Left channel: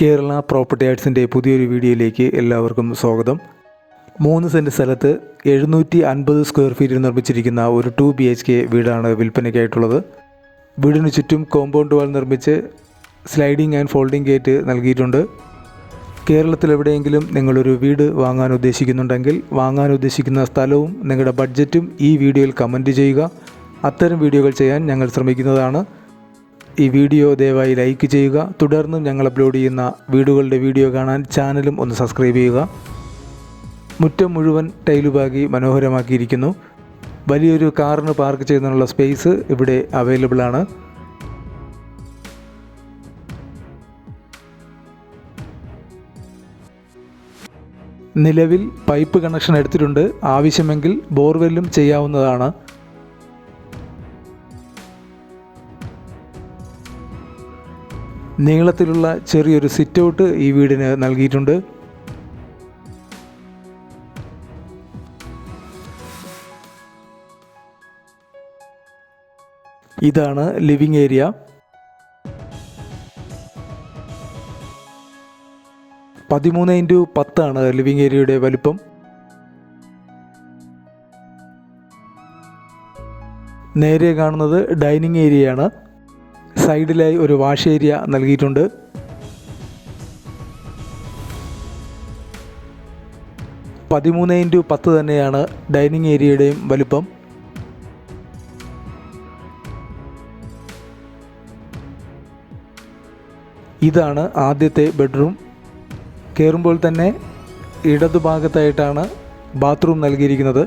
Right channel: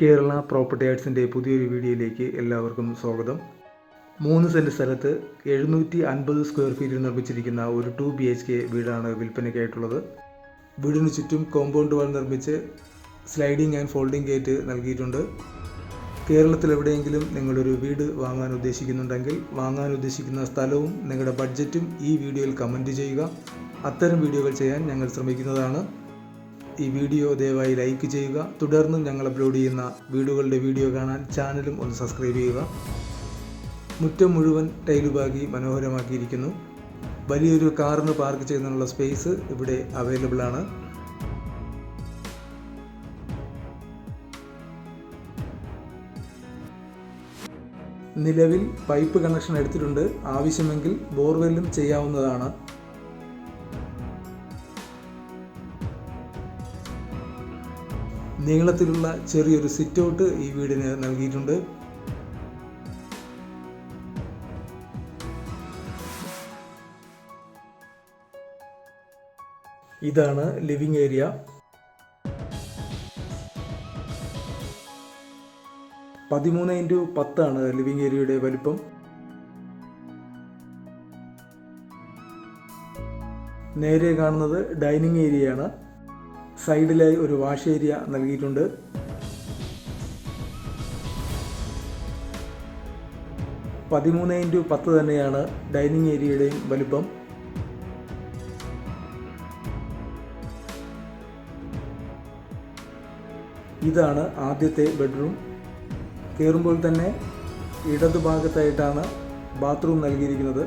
Kerala property ആർട്സിൻ്റെ പുതിയൊരു വീഡിയോയിലേക്ക് എല്ലാവർക്കും സ്വാഗതം. 3 സെൻറ്റ് സ്ഥലത്ത് 750 സ്ക്വയർ ഫീറ്റിൽ നിർമ്മിച്ചിരിക്കുന്ന ഒരു 2 BHK വീടാണ് വിൽപ്പനയ്ക്കായിട്ടുള്ളത്. വീടിന് ചുറ്റും കോമ്പൗണ്ട് വാൾ നിർമ്മിച്ച് സ്ലൈഡിംഗ് ആൻഡ് ഫോൾഡിംഗ് ഗേറ്റ് നൽകിയിട്ടുണ്ട്. കേരളത്തിലെവിടെയെങ്കിലും നിങ്ങളൊരു വീട് വാങ്ങാൻ ഉദ്ദേശിക്കുന്നുണ്ടെങ്കിൽ വാങ്ങാൻ ഉദ്ദേശിക്കുന്ന സ്ഥലവും നിങ്ങളുടെ ബഡ്ജറ്റും ഈ വീഡിയോയിൽ കമൻറ്റ് ചെയ്യുക. അത്തരം വീഡിയോകൾ ചെയ്യാൻ ഞങ്ങൾ ശ്രമിക്കുന്നതാണ്. ഈ വീഡിയോ ദയവായി ലൈക്ക് ചെയ്യുക. തുടർന്നും ഞങ്ങൾ അപ്ലോഡ് ചെയ്യുന്ന വീടുകളുടെ വീഡിയോ കാണാൻ ചാനലും ഒന്ന് സബ്സ്ക്രൈബ് ചെയ്യുക. മുറ്റം മുഴുവൻ ടൈലുപാകി മനോഹരമാക്കിയിരിക്കുന്നു. വലിയൊരു കാറിന് പാർക്ക് ചെയ്യുന്നതിനുള്ള സ്പേസ് ഇവിടെ അവൈലബിൾ ആണ്. നിലവിൽ പൈപ്പ് കണക്ഷൻ എടുത്തിട്ടുണ്ട്. ആവശ്യമെങ്കിൽ ബോർവെല്ലും ചെയ്യാവുന്നതാണ്. നീളത്തിലുള്ള ചെറിയൊരു സിറ്റ് ഔട്ട് ഈ വീടിന് നൽകിയിട്ടുണ്ട്. ഇതാണ് ലിവിംഗ് ഏരിയ. (13x10) ലിവിംഗ് ഏരിയയുടെ വലിപ്പം. നേരെ കാണുന്നത് ഡൈനിങ് ഏരിയയാണ്. സൈഡിലായി ഒരു വാഷ് ഏരിയ നൽകിയിട്ടുണ്ട്. (13x10) തന്നെയാണ് ഡൈനിങ് ഏരിയയുടെയും വലിപ്പം. ഇതാണ് ആദ്യത്തെ ബെഡ്റൂം. കയറുമ്പോൾ തന്നെ ഇടതുഭാഗത്തായിട്ടാണ് ബാത്റൂം നൽകിയിരിക്കുന്നത്.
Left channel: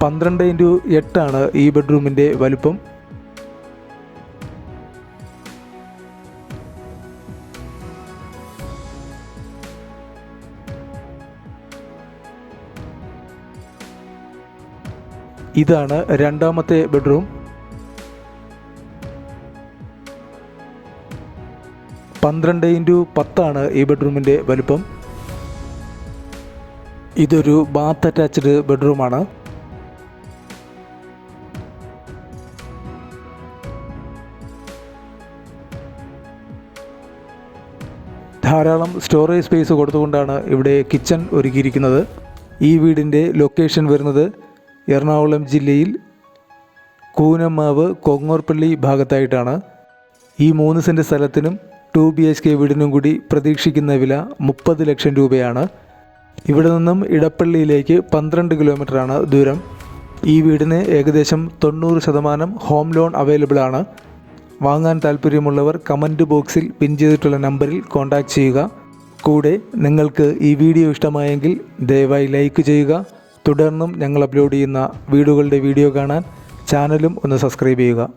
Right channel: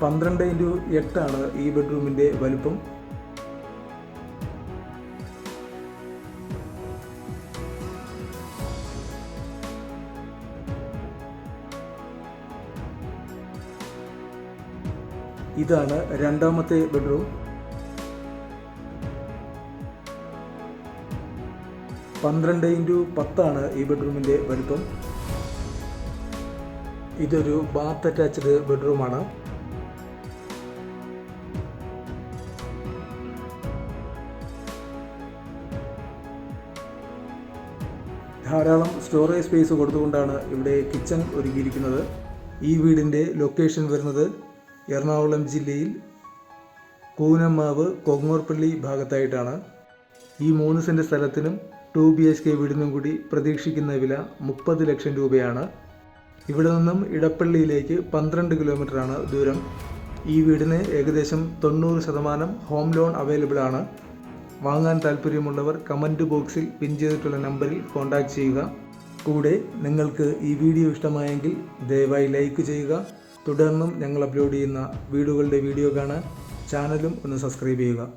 (12x8) ഈ ബെഡ്റൂമിൻ്റെ വലിപ്പം. ഇതാണ് രണ്ടാമത്തെ ബെഡ്റൂം. 12x10 ഈ ബെഡ്റൂമിൻ്റെ വലിപ്പം. ഇതൊരു ബാത്ത് അറ്റാച്ച്ഡ് ബെഡ്റൂമാണ്. ധാരാളം സ്റ്റോറേജ് സ്പേസ് കൊടുത്തുകൊണ്ടാണ് ഇവിടെ കിച്ചൺ ഒരുക്കിയിരിക്കുന്നത്. ഈ വീടിൻ്റെ ലൊക്കേഷൻ വരുന്നത് എറണാകുളം ജില്ലയിൽ കൂനമാവ് കൊങ്ങോർപ്പള്ളി ഭാഗത്തായിട്ടാണ്. ഈ 3 സെൻറ്റ് സ്ഥലത്തിനും 2 BHK വീടിനും കൂടി പ്രതീക്ഷിക്കുന്ന വില 30 ലക്ഷം രൂപയാണ്. ഇവിടെ നിന്നും ഇടപ്പള്ളിയിലേക്ക് 12 കിലോമീറ്ററാണ് ദൂരം. ഈ വീടിന് ഏകദേശം 90% ഹോം ലോൺ അവൈലബിൾ ആണ്. വാങ്ങാൻ താല്പര്യമുള്ളവർ കമൻറ്റ് ബോക്സിൽ പിൻ ചെയ്തിട്ടുള്ള നമ്പറിൽ കോൺടാക്റ്റ് ചെയ്യുക. കൂടെ നിങ്ങൾക്ക് ഈ വീഡിയോ ഇഷ്ടമായെങ്കിൽ ദയവായി ലൈക്ക് ചെയ്യുക. തുടർന്നും ഞങ്ങൾ അപ്ലോഡ് ചെയ്യുന്ന വീടുകളുടെ വീഡിയോ കാണാൻ ചാനലും ഒന്ന് സബ്സ്ക്രൈബ് ചെയ്യുക.